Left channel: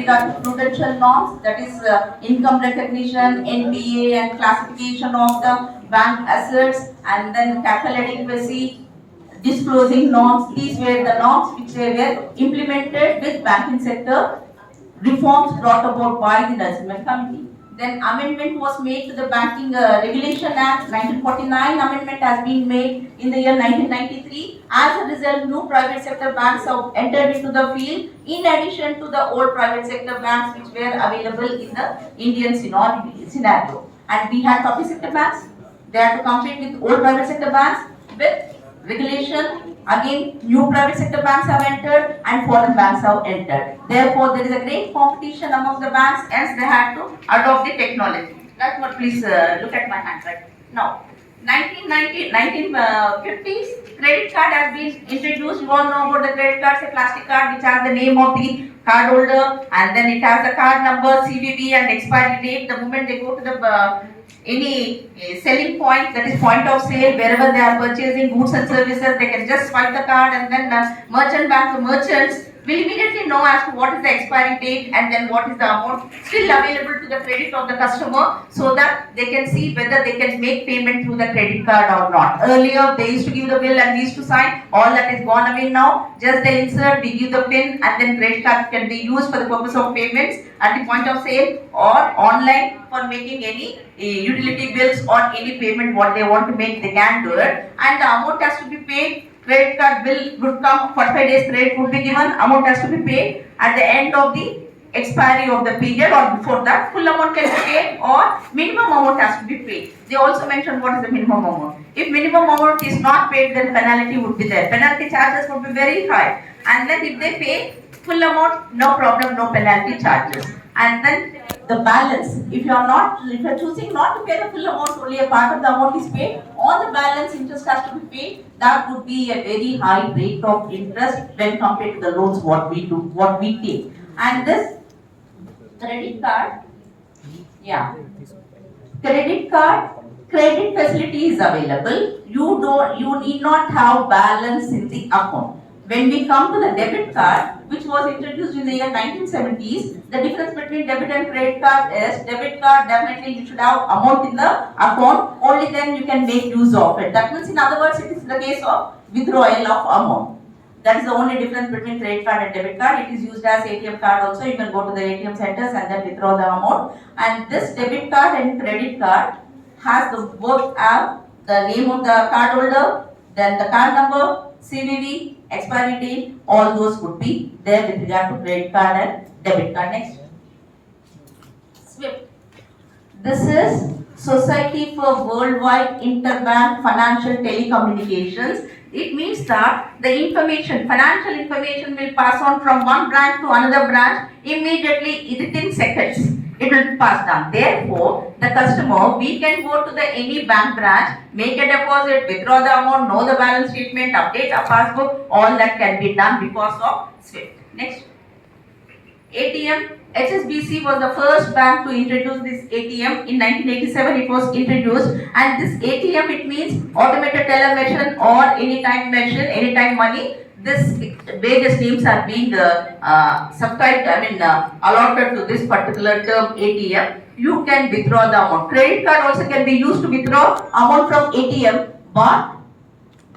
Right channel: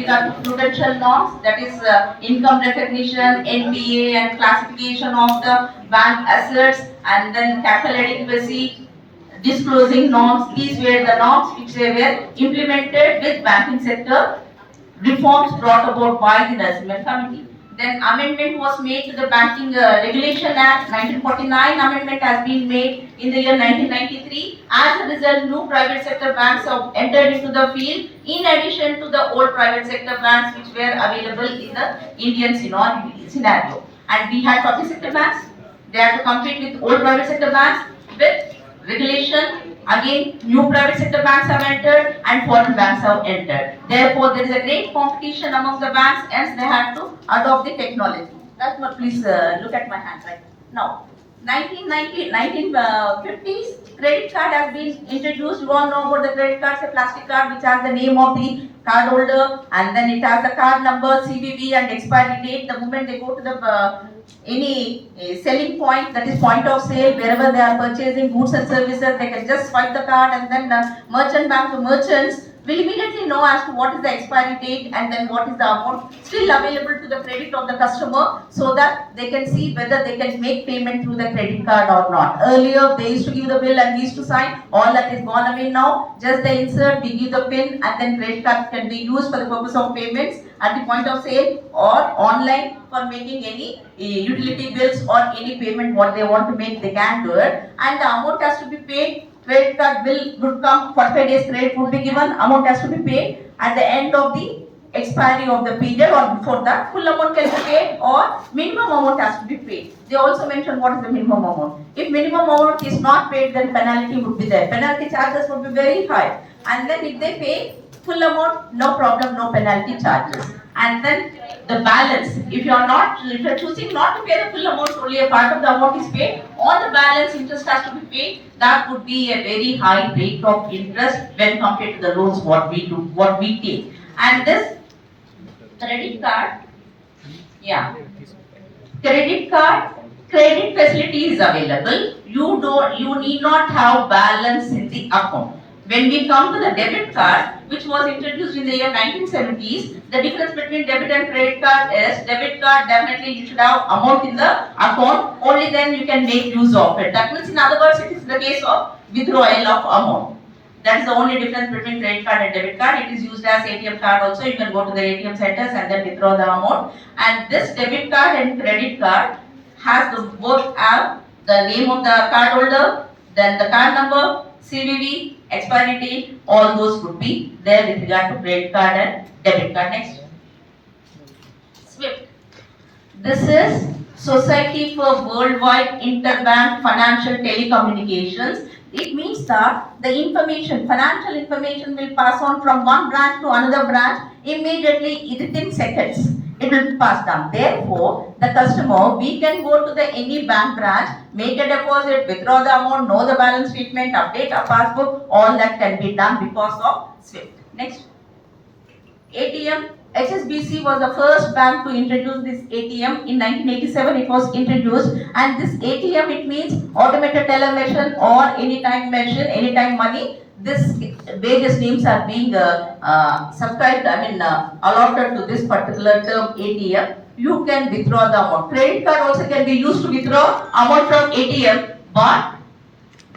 regard to prudential norms, that is income recognition, NPA and classification of the bank assets, and then capital adequacy, disclosing norms. These were the norms which they were implemented with banking sector reforms brought about by the Narasimhan Committee. Then amendment was made to the Banking Regulation Act 1949. Amendment has been made in the year 1993. As a result, new private sector banks have entered into the field in addition to the old private sector banks which were available in the Indian scenario. And we had public sector banks. They had to compete with old private sector banks with regulation. Again, new private sector banks have entered and foreign banks have entered. Therefore, there is a great competition among the banks, as they have to adopt the technology. That's what, please look at my hand right now. 1950s, credit card has been introduced. You all know about the credit card, a plastic card which has the name of the card holder, and then it has the card number, CVV and expiry date. The moment they go to the any selling point, that is point of sale, wherever they are purchasing goods and services, they can just swipe the card, and then merchant bank to merchants will immediately know as to what is the expiry date and then what is the amount still available to the credit of the customer, so that they can see whether they can make payment through the credit card or not. Earlier, they used to give the bill and we used to sign. All that is gone away now. Just they insert, we give the PIN, and then credit card can be used for the purpose of payments at the point of sale or online for making any utility bills or any payment what they want to make, they can do it. And the amount has to be paid. Credit card bill would come, 45 days credit would be given, amount has to be paid at the end of the expiry of the period, or before that full amount can be paid, or minimum amount has to be paid. They also mention what is the minimum amount. If minimum amount is not paid, then penalty would be there. Penalty charges would be very high. And then if they pay full amount, no problem, no penalty charges. And then the balance, if you are choosing not to pay the full amount, only a part of the amount is paid, all the balance interest has to be paid. That would be a very high rate of interest when compared to the loans what we take. And this credit card, credit facility is available. You need not have balance in the account. When we come to the debit card, which was introduced in the year 1970s, the difference between debit and credit card is, debit card definitely you should have amount in the account, only then you can make use of it. That means, in other words, it is the case of withdrawal of amount. That is the only difference between credit card and debit card. It is used as ATM card also. You can go to the ATM centers and then withdraw the amount. And this debit card and credit card has both have the name of the card holder, then the card number, CVV, expiry date, all those would be there with regard to credit card and debit card. Next. SWIFT. This is Society for Worldwide Interbank Financial Telecommunications. It means that the information, financial information will pass on from one branch to another branch immediately within seconds. It will be passed down. Therefore, the customer, we can go to the any bank branch, make a deposit, withdraw the amount, know the balance statement, update a passbook, all that can be done because of SWIFT. Next. ATM. HSBC was the first bank to introduce this ATM. In 1987 it was introduced, and this ATM, it means automated teller machine or anytime machine, anytime money. This various names are being allotted to this particular term ATM. You can withdraw the amount. Credit card also can be used to withdraw amount from ATM, but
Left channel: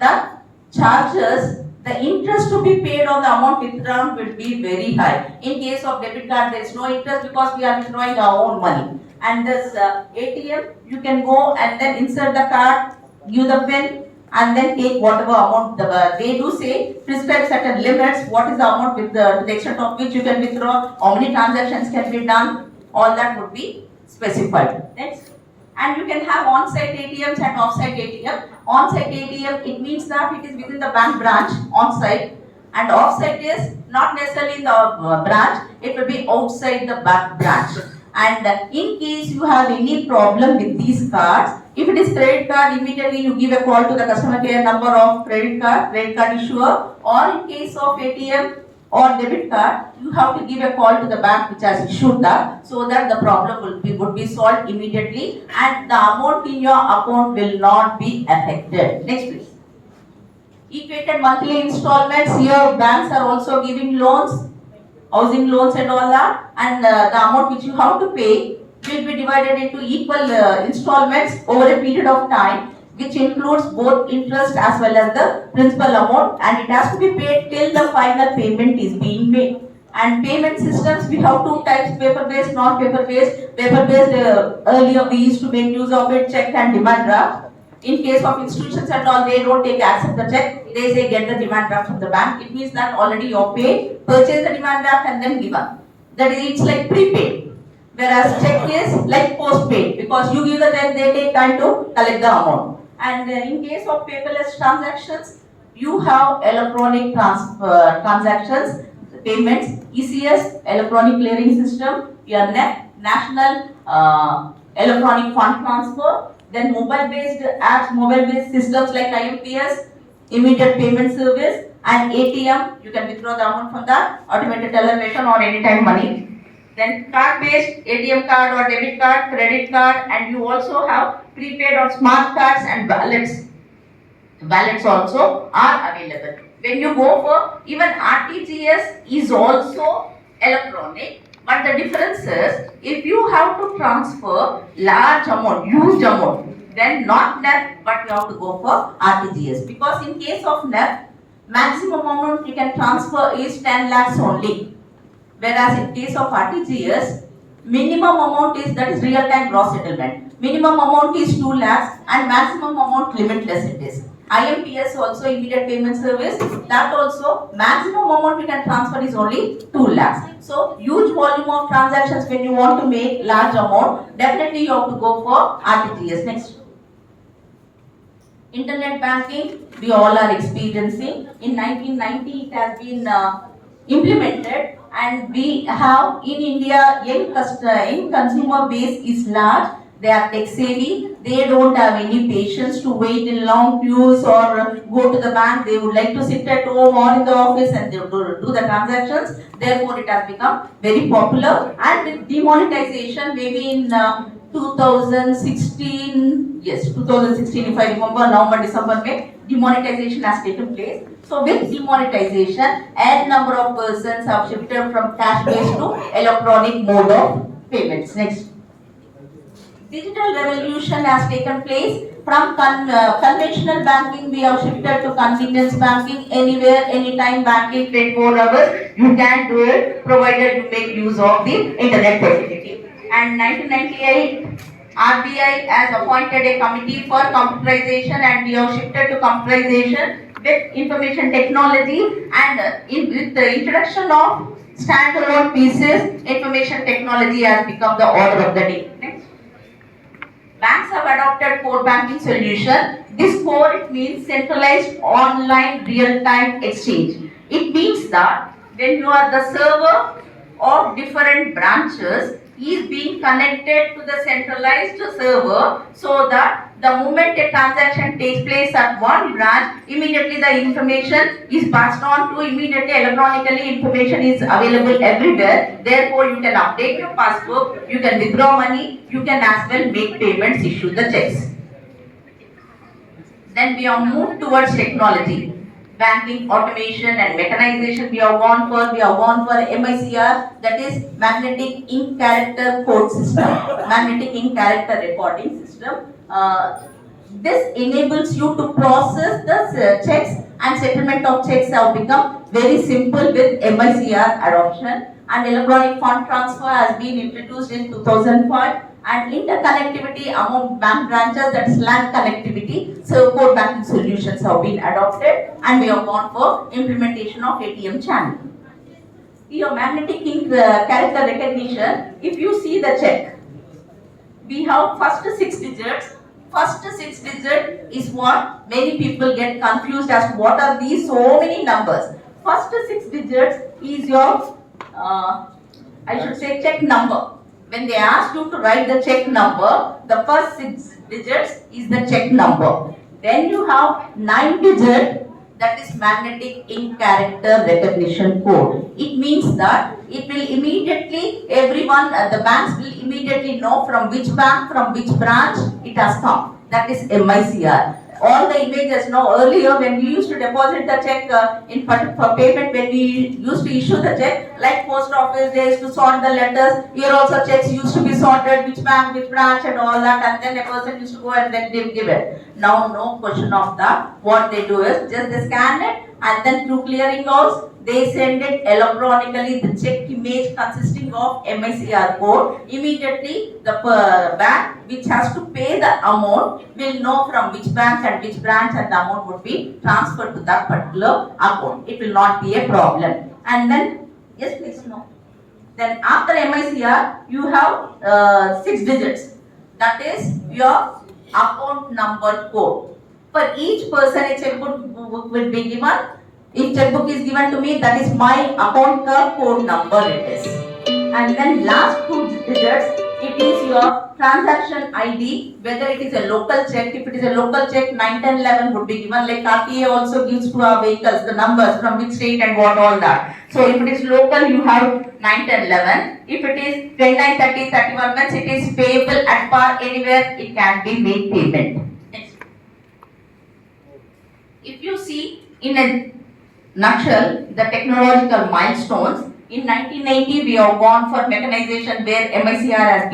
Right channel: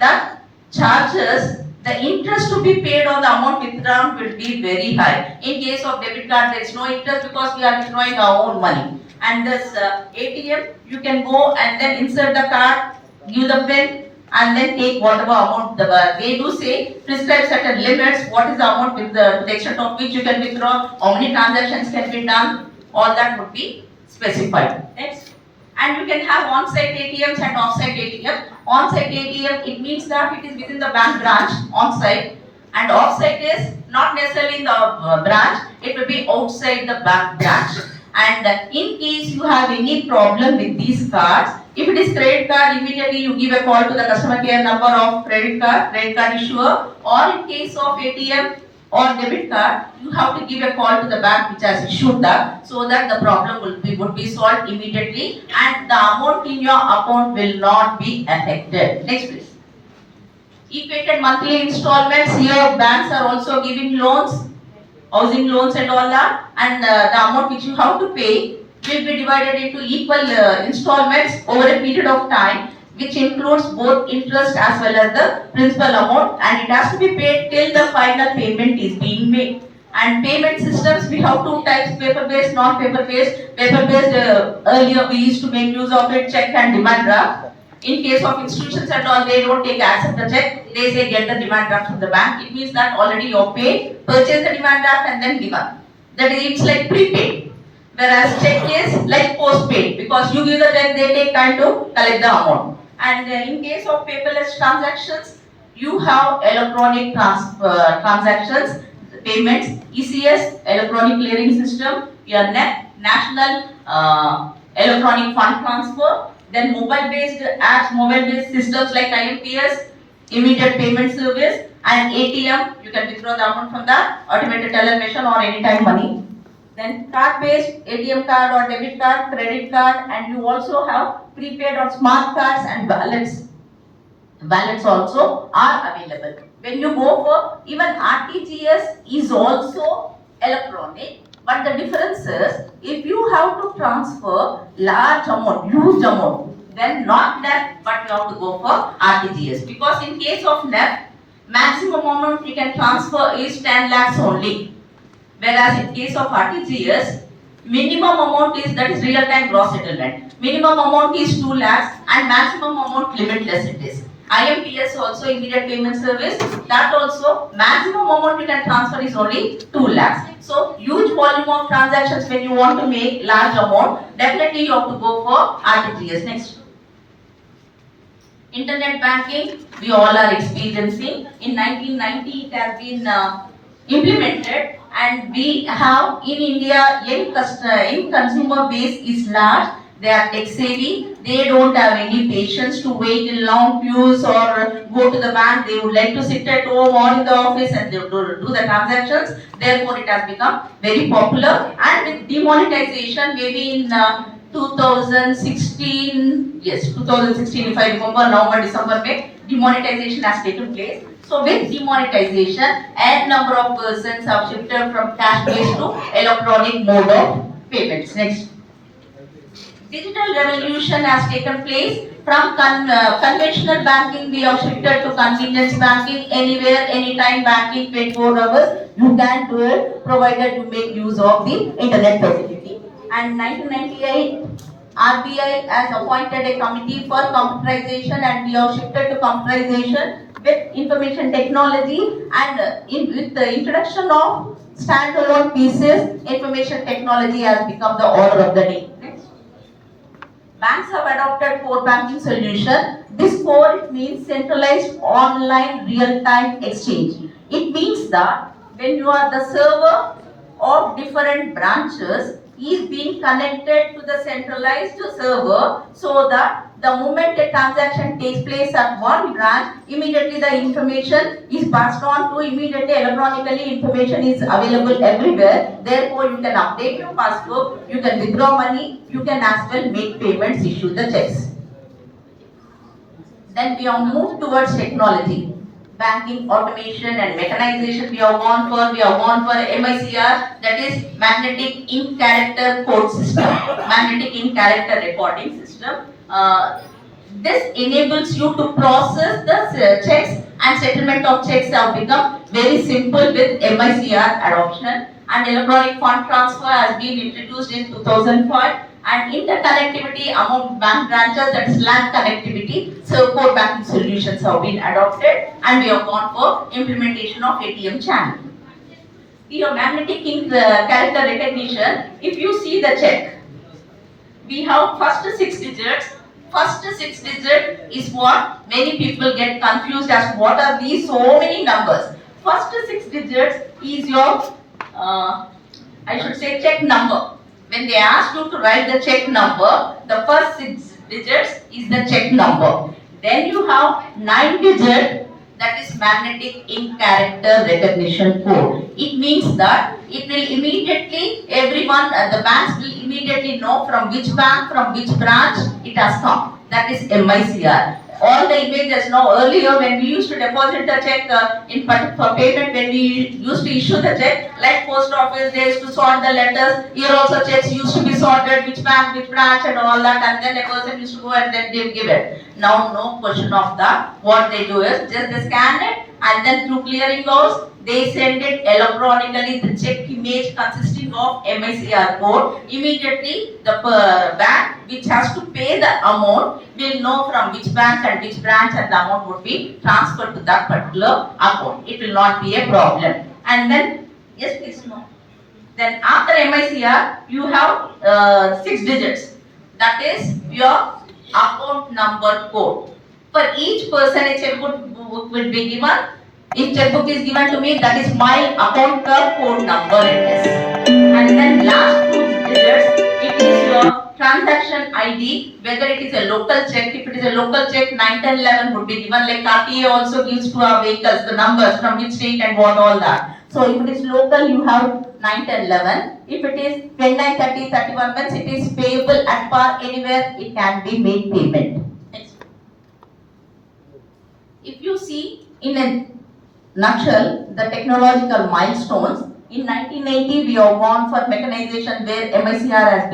the charges, the interest to be paid on the amount withdrawn will be very high. In case of debit card, there is no interest because we are withdrawing our own money. And this ATM, you can go and then insert the card, give the PIN, and then take whatever amount. They do say prescribe certain limits. What is the amount with the extent of which you can withdraw? How many transactions can be done? All that would be specified. Next. And you can have on-site ATMs and off-site ATM. On-site ATM, it means that it is within the bank branch, on-site, and off-site is not necessarily in the branch, it will be outside the bank branch. And in case you have any problem with these cards, if it is credit card, immediately you give a call to the customer care number of credit card issuer, or in case of ATM or debit card, you have to give a call to the bank which has issued that, so that the problem would be solved immediately and the amount in your account will not be affected. Next please. Equated monthly installments. Here banks are also giving loans housing loans and all that, and the amount which you have to pay will be divided into equal installments over a period of time, which includes both interest as well as the principal amount, and it has to be paid till the final payment is being made. And payment systems, we have two types: paper based, non paper based. Paper based, earlier we used to make use of it, check and demand draft. In case of institutions and all, they don't accept the check, they say get the demand draft from the bank. It means that already you're paid, purchase the demand draft and then given. That is, it's like prepaid. Whereas check is like postpaid, because you give the check, they take time to collect the amount. And in case of paperless transactions, you have electronic transactions, payments, ECS, electronic clearing system, your National Electronic Fund Transfer, then mobile-based apps, mobile-based systems like IMPS, immediate payment service, and ATM, you can withdraw the amount from that, automated teller machine or anytime money. Then card-based, ATM card or debit card, credit card, and you also have prepaid or smart cards and wallets. Wallets also are available. When you go for even RTGS is also electronic, but the difference is if you have to transfer large amount, huge amount, then not NEFT, but you have to go for RTGS, because in case of NEFT, maximum amount you can transfer is 10 lakhs only. Whereas in case of RTGS, minimum amount is, that is real time gross settlement. Minimum amount is 2 lakhs and maximum amount limitless it is. IMPS also, immediate payment service, that also maximum amount you can transfer is only 2 lakhs. So huge volume of transactions when you want to make large amount, definitely you have to go for RTGS. Next. Internet banking, we all are experiencing. In 1990 it has been implemented, and we have in India, in consumer base is large. They are tech savvy. They don't have any patience to wait in long queues or go to the bank. They would like to sit at home or in the office and they do the transactions. Therefore, it has become very popular. And with demonetization, maybe in 2016, yes, 2016, if I remember, November, December, May, demonetization has taken place. So with demonetization, n number of persons have shifted from cash-based to electronic mode of payments. Next. Digital revolution has taken place. From conventional banking, we have shifted to convenience banking. Anywhere, anytime banking, 24 hours, you can do it, provided you make use of the internet facility. And 1998, RBI has appointed a committee for computerization, and we have shifted to computerization with information technology, and with the introduction of standalone pieces, information technology has become the order of the day. Next. Banks have adopted core banking solution. This core, it means centralized online real-time exchange. It means that when you are the server of different branches is being connected to the centralized server, so that the moment a transaction takes place at one branch, immediately the information is passed on to immediately electronically, information is available everywhere. Therefore, you can update your passbook, you can withdraw money, you can as well make payments, issue the checks. Then we have moved towards technology. Banking, automation and mechanization, we have gone for MICR, that is magnetic ink character code system, magnetic ink character recording system. This enables you to process the checks, and settlement of checks have become very simple with MICR adoption. And electronic fund transfer has been introduced in 2005. And interconnectivity among bank branches, that is LAN connectivity, so core banking solutions have been adopted, and we have gone for implementation of ATM channel. Your magnetic ink character recognition, if you see the check, we have first 6 digits. First 6 digit is what many people get confused as to what are these so many numbers. First 6 digits is your, I should say, check number. When they ask you to write the check number, the first 6 digits is the check number. Then you have 9 digit, that is magnetic ink character recognition code. It means that it will immediately, everyone, the banks will immediately know from which bank, from which branch it has come. That is MICR. All the images now, earlier when we used to deposit the check for payment, when we used to issue the check, Like post office, they used to sort the letters. Here also checks used to be sorted, which bank, which branch, and all that, and then a person used to go and then they give it. Now, no question of that. What they do is just they scan it, and then through clearing house, they send it electronically, the check image consisting of MICR code. Immediately, the bank which has to pay the amount will know from which bank and which branch, and the amount would be transferred to that particular account. It will not be a problem. And then, yes please, no. Then after MICR, you have 6 digits. That is your account number code. For each person, a checkbook will be given. If checkbook is given to me, that is my account code number it is. And then last 2 digits, it is your transaction ID, whether it is a local check. If it is a local check, 9, 10, 11 would be given. Like TCA also gives to our vehicles the numbers from which state and what all that. So if it is local, you have 9, 10, 11. If it is 29, 30, 31 means it is payable at par anywhere, it can be made payment. Next. If you see in a nutshell, the technological milestones, in 1980 we have gone for mechanization where MICR has been